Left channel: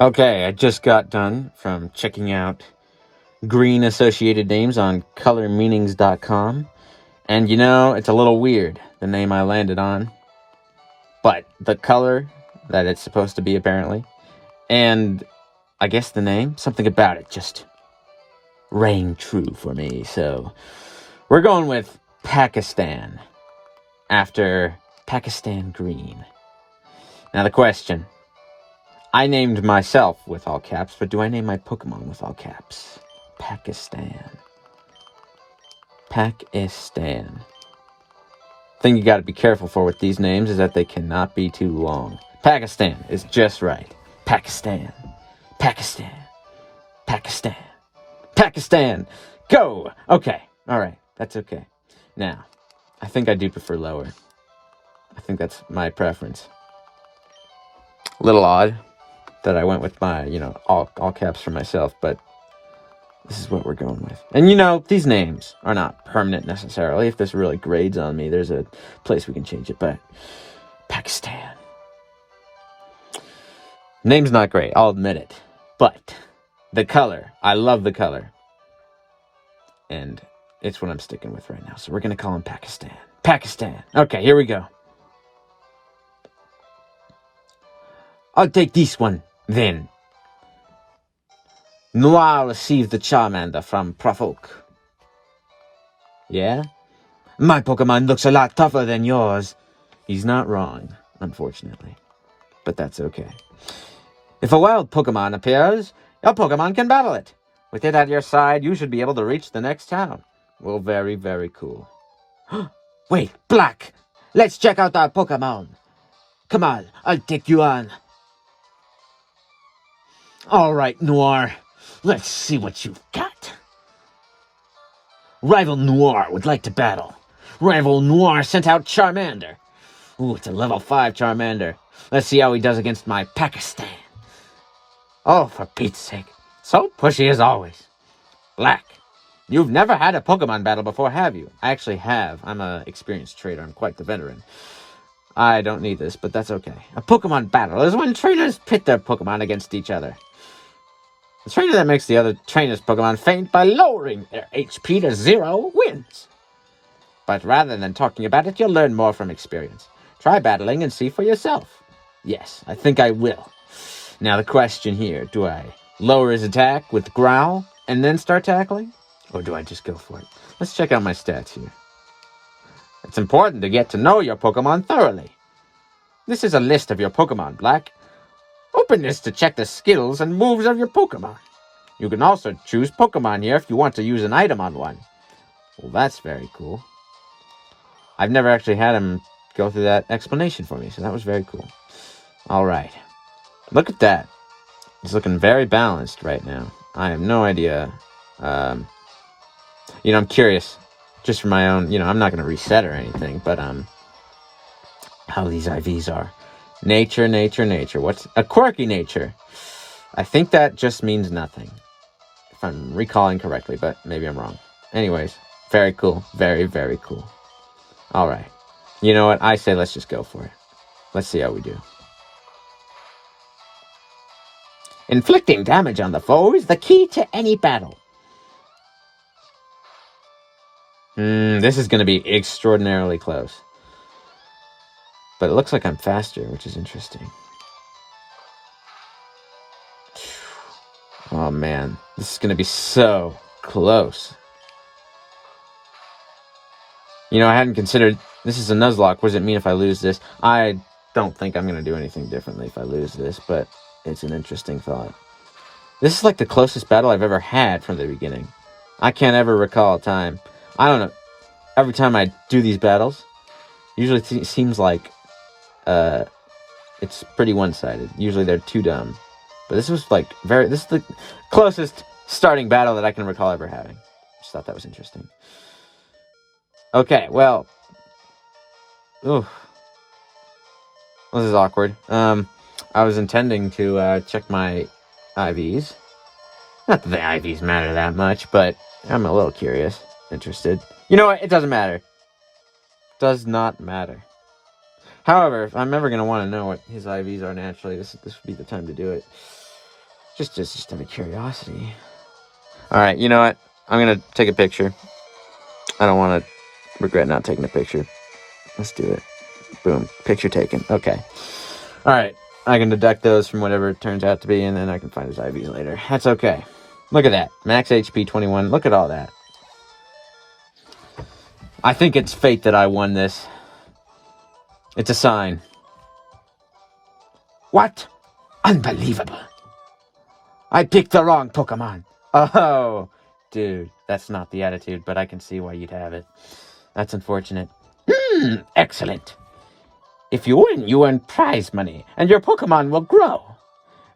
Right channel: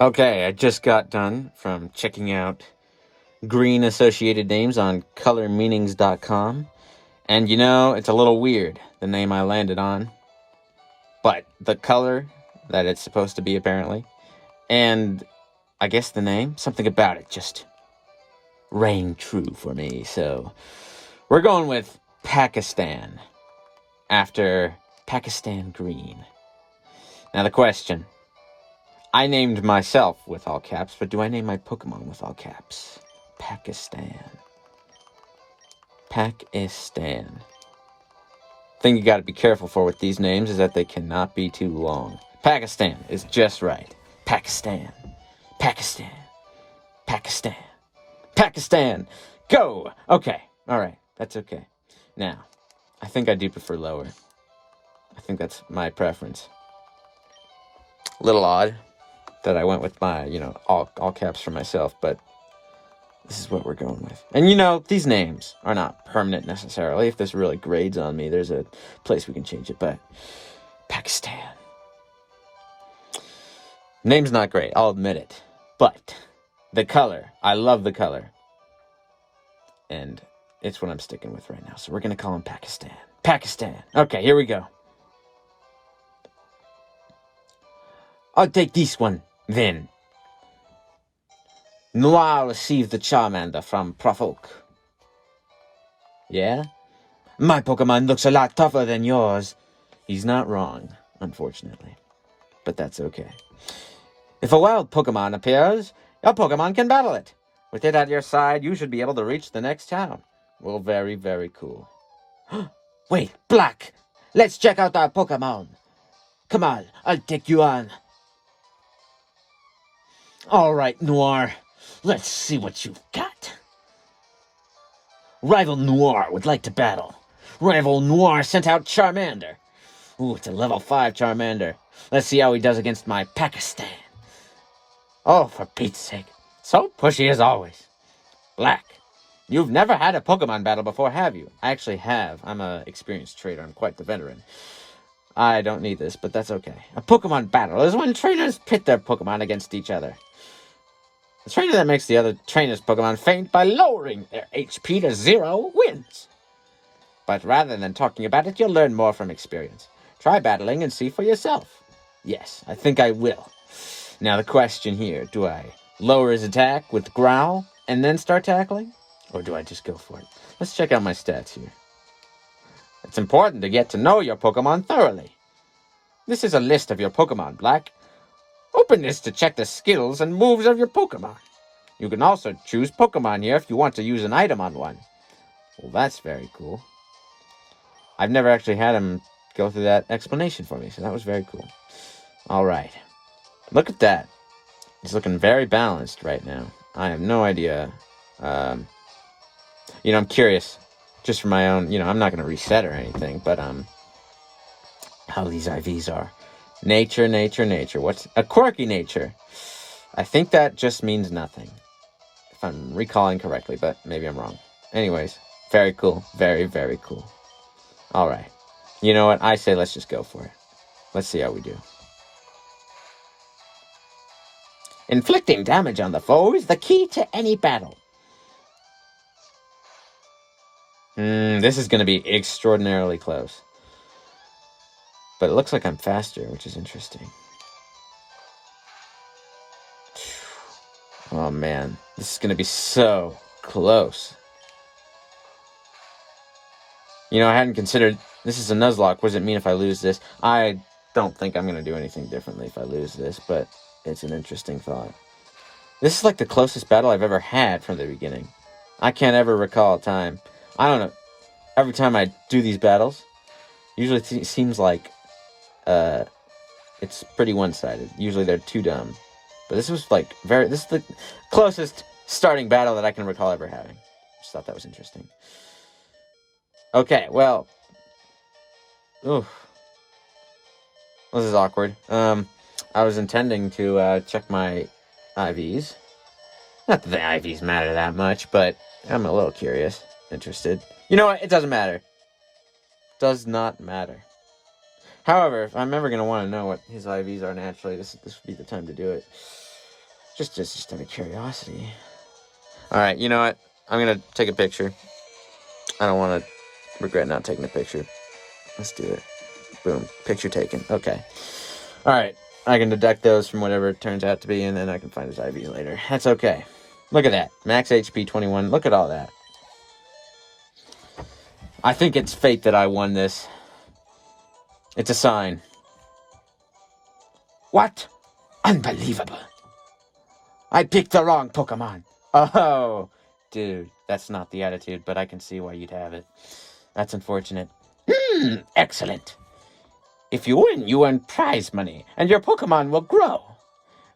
Okay, I just got done from checking out green associated names on colormeanings.com. And it's a little weird, the name I landed on. But the color that it's supposed to be, apparently, and I guess the name, something about it just rang true for me. So we're going with Pakistan after Pakistan Green. Now the question. I named myself with all caps, but do I name my Pokemon with all caps? Pakistan. Pakistan. Thing you gotta be careful for with these names is that they cannot be too long. Pakistan is just right. Pakistan. Pakistan. Pakistan. Pakistan. Go! Okay. Alright. That's okay. Now, I think I do prefer lower. I think that's my preference. A little odd that I went with my, all caps for myself, but this is what we're going with. And these names are not permanent necessarily. If this really grades on me, there's a place we can change it, but Pakistan. Name's not great, I'll admit it. But the color, I love the color. And it's what I'm sticking with right now. So we're going to call him Pakistan. Pakistan. Okay, here we go. I'll take this one, then. Noir received the Charmander from Prof Oak. Yeah? My Pokemon looks a lot tougher than yours. He's not wrong, unfortunately. But that's okay. If a wild Pokemon appears, your Pokemon can battle it. With it at your side, you should be able to reach the next town. Well, very, very cool. Wait, Black! Let's check out our Pokemon. Come on, I'll take you on. All right, Noir. Let's see what you've got. Rival Noir would like to battle. Rival Noir sent out Charmander. Ooh, it's a level 5 Charmander. Let's see how he does against my Pakistan. Oh, for Pete's sake. So pushy as always. Black, you've never had a Pokemon battle before, have you? I actually have. I'm an experienced trader. I'm quite the veteran. I don't need this, but that's okay. A Pokemon battle is when trainers pit their Pokemon against each other. The trainer that makes the other trainer's Pokemon faint by lowering their HP to 0 wins. But rather than talking about it, you'll learn more from experience. Try battling and see for yourself. Yes, I think I will. Now the question here, do I lower his attack with Growl and then start tackling? Or do I just go for it? Let's check out my stats here. It's important to get to know your Pokemon thoroughly. This is a list of your Pokemon, Black. Open this to check the skills and moves of your Pokemon. You can also choose Pokemon here if you want to use an item on one. Well, that's very cool. I've never actually had him go through that explanation for me, so that was very cool. All right. Look at that. He's looking very balanced right now. I have no idea. I'm curious, just for my own, I'm not going to reset or anything, but how these IVs are. Nature. What's a quirky nature? I think that just means nothing, if I'm recalling correctly, but maybe I'm wrong. Anyways, very cool. Very, very cool. All right. You know what? I say let's just go for it. Let's see how we do. Inflicting damage on the foe is the key to any battle. This is going to be extraordinarily close. But it looks like I'm faster, which is interesting. Oh, man. This is going to be so close. I hadn't considered... This is a Nuzlocke. What does it mean if I lose this? I don't think I'm going to do anything differently if I lose this, but it's an interesting thought. This is like the closest battle I've ever had from the beginning. I can't ever recall a time. I don't know. Every time I do these battles, usually it seems like it's pretty one-sided. Usually they're too dumb. But this was this is the closest starting battle that I can recall ever having. Just thought that was interesting. Okay, well. Oof. This is awkward. I was intending to check my IVs. Not that the IVs matter that much, but I'm a little curious, interested. You know what? It doesn't matter. Does not matter. However, if I'm ever going to want to know what his IVs are naturally, this would be the time to do it. Just out of curiosity. All right, you know what? I'm gonna take a picture. I don't want to regret not taking a picture. Let's do it. Boom, picture taken. Okay. All right, I can deduct those from whatever it turns out to be, and then I can find his IV later. That's okay. Look at that. Max HP 21. Look at all that. I think it's fate that I won this. It's a sign. What? Unbelievable. I picked the wrong Pokemon. Oh, dude, that's not the attitude, but I can see why you'd have it. That's unfortunate. Excellent. If you win, you earn prize money, and your Pokemon will grow.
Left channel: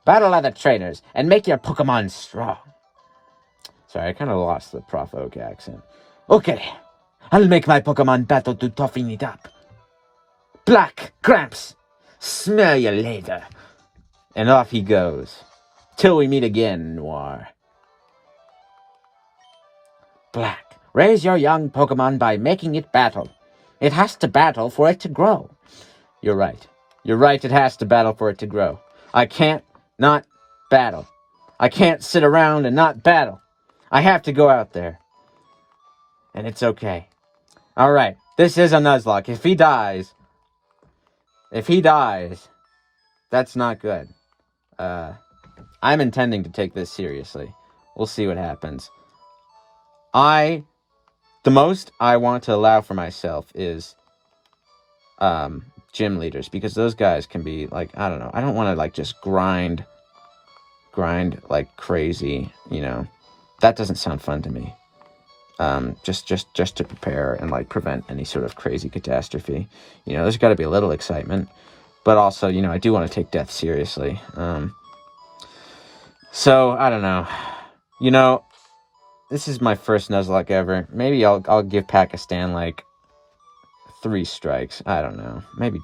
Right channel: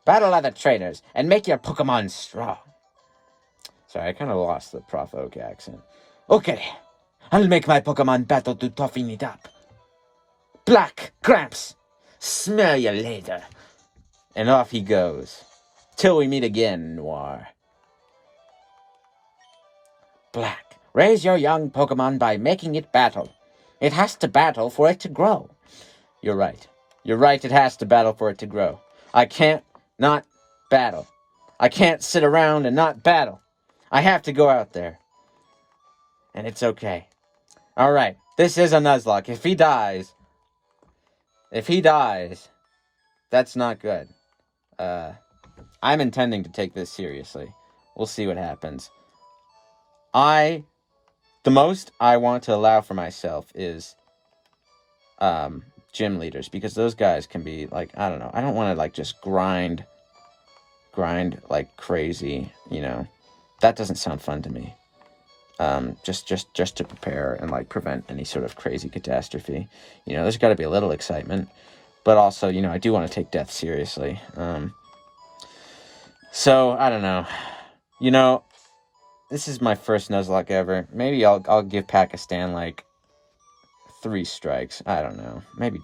Battle other trainers, and make your Pokemon strong. Sorry, I kind of lost the Prof Oak accent. Okay, I'll make my Pokemon battle to toughen it up. Black, Gramps, smell you later. And off he goes. Till we meet again, Noir. Black, raise your young Pokemon by making it battle. It has to battle for it to grow. You're right. You're right, it has to battle for it to grow. I can't not battle. I can't sit around and not battle. I have to go out there. And it's okay. Alright, this is a Nuzlocke. If he dies, that's not good. I'm intending to take this seriously. We'll see what happens. The most I want to allow for myself is gym leaders, because those guys can be like, I don't know. I don't want to like just grind like crazy, you know. That doesn't sound fun to me. Just to prepare and like prevent any sort of crazy catastrophe. You know, there's got to be a little excitement, but also, you know, I do want to take death seriously. So I don't know. You know, this is my first Nuzlocke ever. Maybe I'll give Pakistan like 3 strikes. I don't know. Maybe.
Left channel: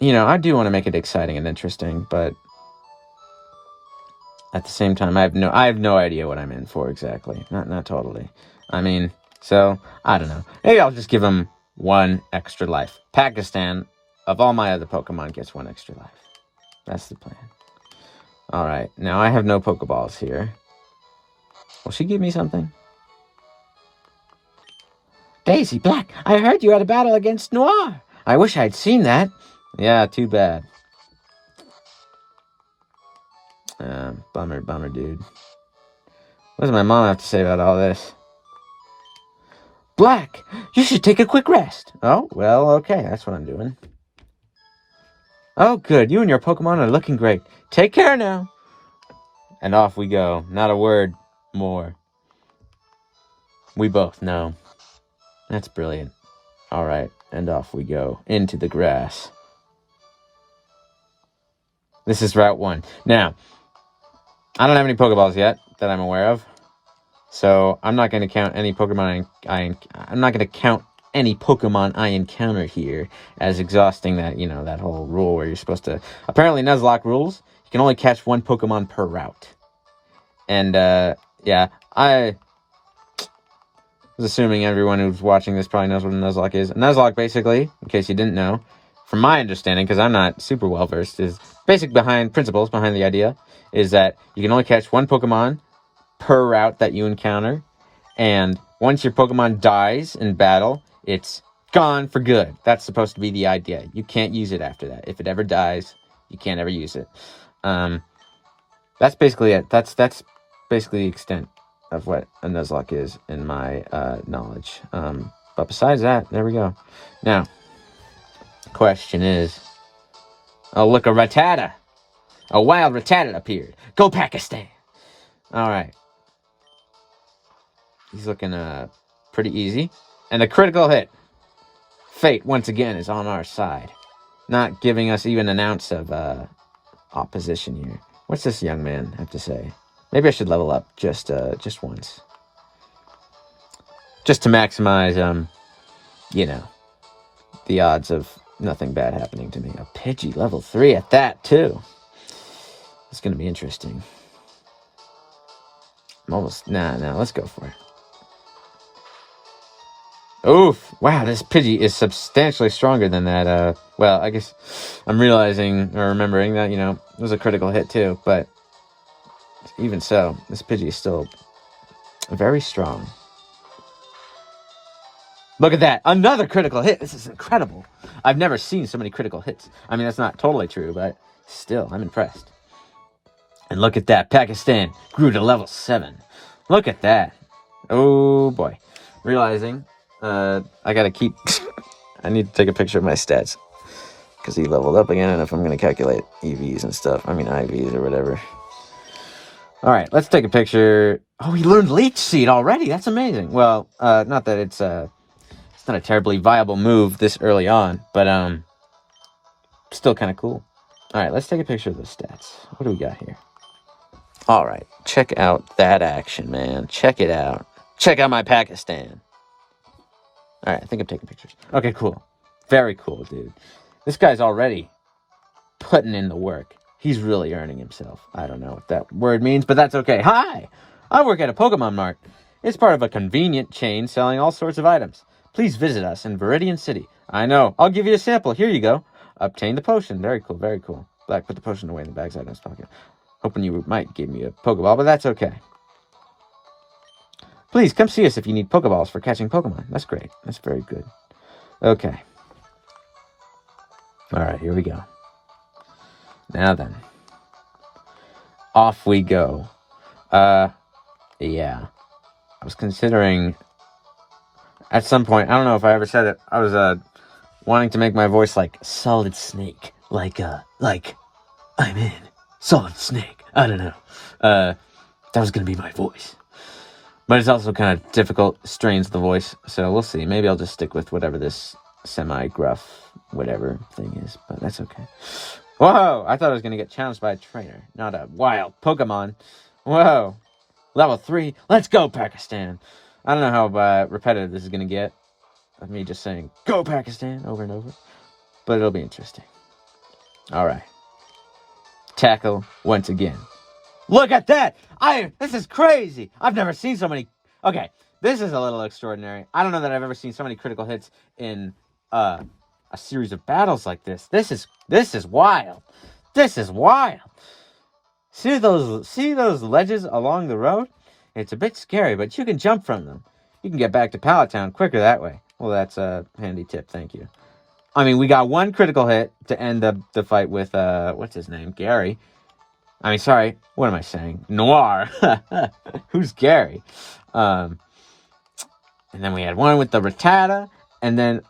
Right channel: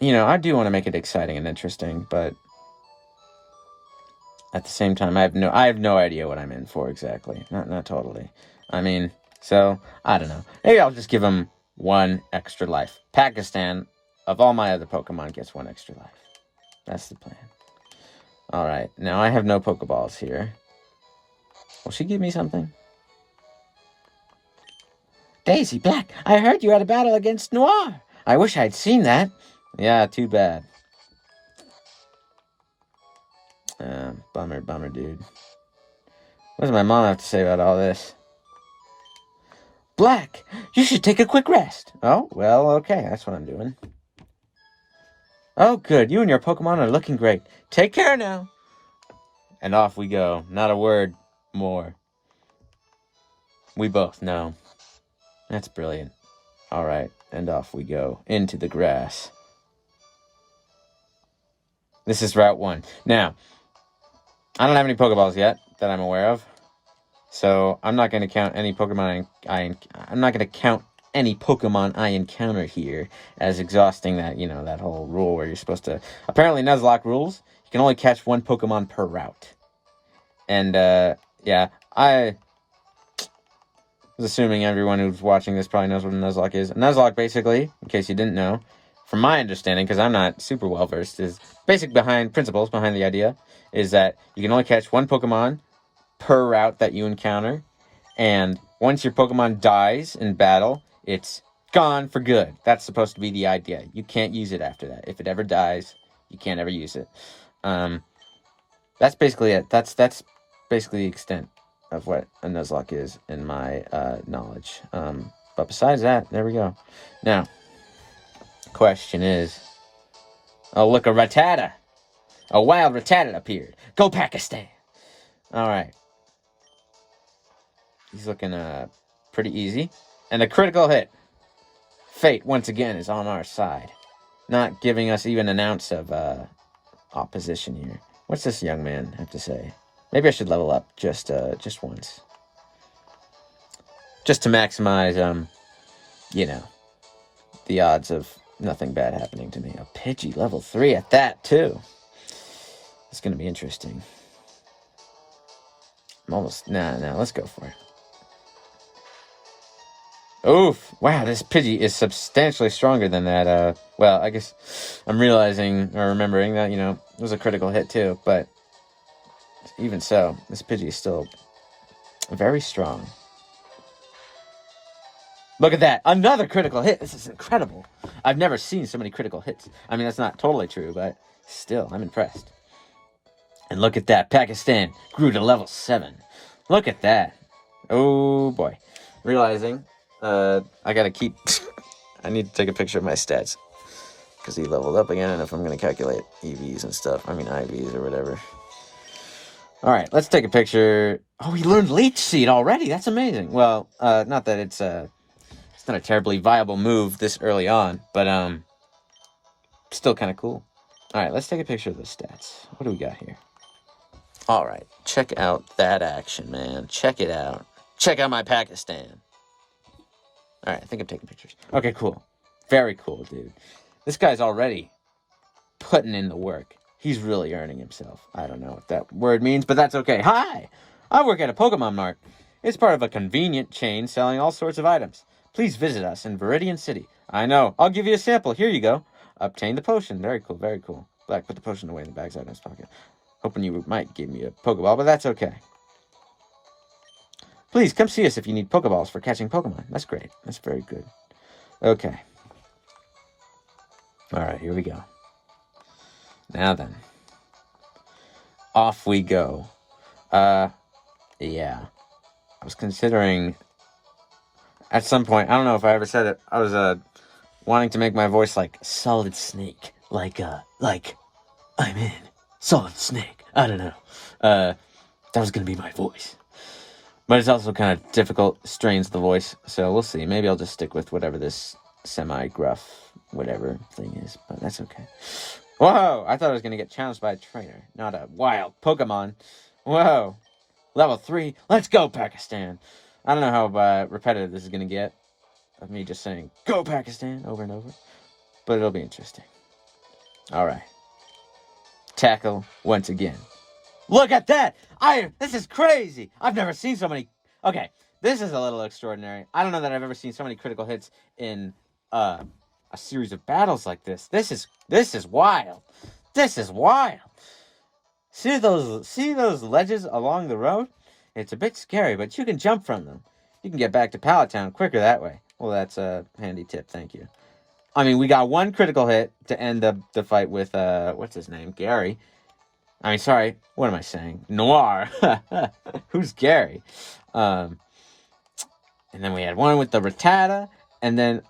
You know, I do want to make it exciting and interesting, but at the same time, I have no idea what I'm in for exactly. Not totally. I mean, so I don't know. Maybe I'll just give him 1 extra life. Pakistan, of all my other Pokemon, gets 1 extra life. That's the plan. All right, now I have no Pokeballs here. Will she give me something? Daisy Black, I heard you had a battle against Noir. I wish I'd seen that. Yeah, too bad. Bummer, dude. What does my mom have to say about all this? Black, you should take a quick rest. Oh, well, okay, that's what I'm doing. Oh, good, you and your Pokemon are looking great. Take care now. And off we go. Not a word more. We both know. That's brilliant. All right, and off we go. Into the grass. This is Route 1. Now, I don't have any Pokeballs yet that I'm aware of. So I'm not going to count any Pokemon I'm not going to count any Pokemon I encounter here as exhausting that, you know, that whole rule where you're supposed to... Apparently, Nuzlocke rules, you can only catch 1 Pokemon per route. And, yeah, I was assuming everyone who's watching this probably knows what a Nuzlocke is. A Nuzlocke, basically, in case you didn't know, from my understanding, because I'm not super well-versed, is principles behind the idea, is that you can only catch 1 Pokemon per route that you encounter, and once your Pokemon dies in battle, it's gone for good. That's supposed to be the idea. You can't use it after that. If it ever dies, you can't ever use it. That's basically it. That's basically the extent of what a Nuzlocke is in my knowledge. But besides that, there we go. Now, question is, oh look, a Rattata. A wild Rattata appeared. Go Pakistan. All right. He's looking pretty easy. And a critical hit. Fate, once again, is on our side. Not giving us even an ounce of opposition here. What's this young man have to say? Maybe I should level up just once. Just to maximize, you know, the odds of nothing bad happening to me. A Pidgey level 3 at that, too. It's going to be interesting. I'm almost... Nah, let's go for it. Oof. Wow, this Pidgey is substantially stronger than that. Well, I guess I'm realizing or remembering that, you know, it was a critical hit too. But even so, this Pidgey is still very strong. Look at that. Another critical hit. This is incredible. I've never seen so many critical hits. I mean, that's not totally true, but still, I'm impressed. And look at that. Pakistan grew to level 7. Look at that. Oh, boy. Realizing I got to keep... I need to take a picture of my stats. Because he leveled up again, and if I'm going to calculate EVs and stuff. I mean, IVs or whatever. All right, let's take a picture. Oh, he learned Leech Seed already. That's amazing. Well, not that it's not a terribly viable move this early on, but still kind of cool. All right, let's take a picture of the stats. What do we got here? All right, check out that action, man. Check it out. Check out my Pakistan. All right, I think I'm taking pictures. Okay, cool. Very cool, dude. This guy's already putting in the work. He's really earning himself. I don't know what that word means, but that's okay. Hi! I work at a Pokemon Mart. It's part of a convenient chain selling all sorts of items. Please visit us in Viridian City. I know. I'll give you a sample. Here you go. Obtain the potion. Very cool, very cool. Black put the potion away in the bag's item's pocket. Hoping you might give me a Pokeball, but that's okay. Please, come see us if you need Pokeballs for catching Pokemon. That's great. That's very good. Okay. Alright, here we go. Now then. Off we go. Yeah. I was considering... At some point, I don't know if I ever said it, I was wanting to make my voice like Solid Snake. Like I'm in Solid Snake. I don't know. That was going to be my voice. But it's also kind of difficult, strains the voice. So we'll see. Maybe I'll just stick with whatever this semi-gruff whatever thing is. But that's okay. Whoa! I thought I was going to get challenged by a trainer. Not a wild Pokemon. Whoa! Level 3. Let's go, Pakistan. I don't know how repetitive this is going to get. Of me just saying, go Pakistan, over and over. But it'll be interesting. Alright. Tackle once again. Look at that! This is crazy! I've never seen so many... Okay, this is a little extraordinary. I don't know that I've ever seen so many critical hits in a series of battles like this. This is wild. This is wild. See those ledges along the road? It's a bit scary, but you can jump from them. You can get back to Pallet Town quicker that way. Well, that's a handy tip, thank you. I mean, we got one critical hit to end the fight with, what's his name? Gary. I mean, sorry, what am I saying? Noir. Who's Gary? And then we had one with the Rattata, and then,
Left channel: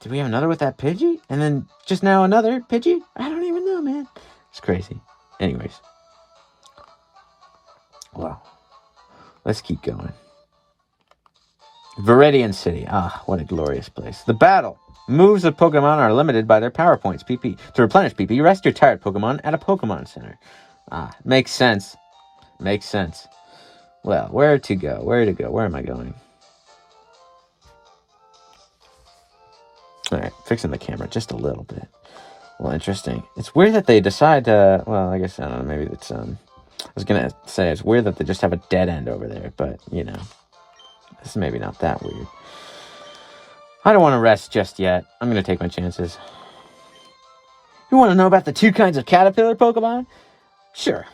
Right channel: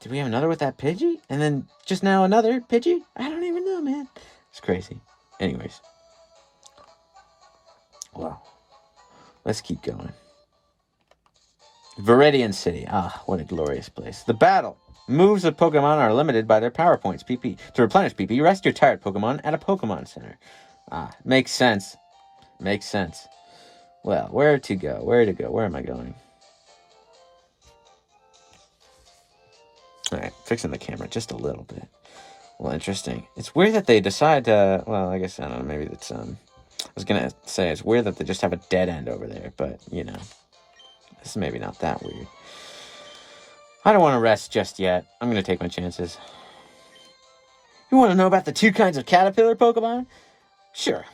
did we have another with that Pidgey? And then just now another Pidgey? I don't even know, man. It's crazy. Anyways. Wow. Let's keep going. Viridian City. Ah, what a glorious place. The battle. Moves of Pokemon are limited by their power points, PP. To replenish PP, rest your tired Pokemon at a Pokemon Center. Ah, makes sense. Makes sense. Well, where to go? Where to go? Where am I going? Alright, fixing the camera just a little bit. Well, interesting. It's weird that they decide to... Well, I guess, I don't know, maybe it's... I was going to say it's weird that they just have a dead end over there, but, you know, this is maybe not that weird. I don't want to rest just yet. I'm going to take my chances. You want to know about the 2 kinds of caterpillar Pokemon? Sure.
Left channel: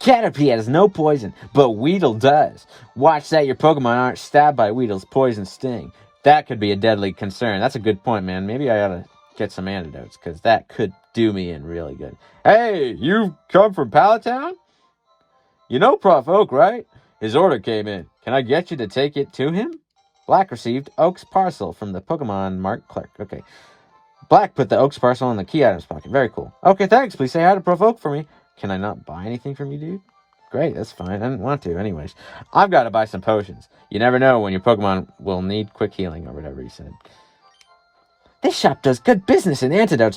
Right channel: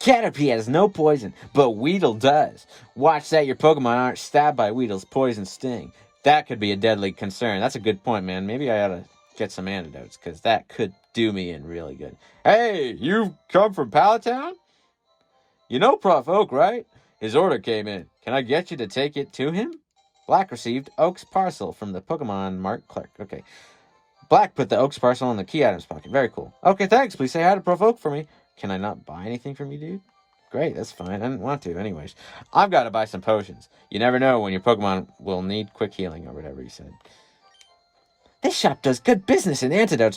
Caterpie has no poison, but Weedle does. Watch that your Pokemon aren't stabbed by Weedle's poison sting. That could be a deadly concern. That's a good point, man. Maybe I ought to get some antidotes, because that could do me in really good. Hey, you've come from Pallet Town? You know Prof. Oak, right? His order came in. Can I get you to take it to him? Black received Oak's parcel from the Pokemon Mart clerk. Okay. Black put the Oak's parcel in the key items pocket. Very cool. Okay, thanks. Please say hi to Prof. Oak for me. Can I not buy anything from you, dude? Great, that's fine. I didn't want to. Anyways, I've got to buy some potions. You never know when your Pokemon will need quick healing or whatever he said. This shop does good business in antidotes.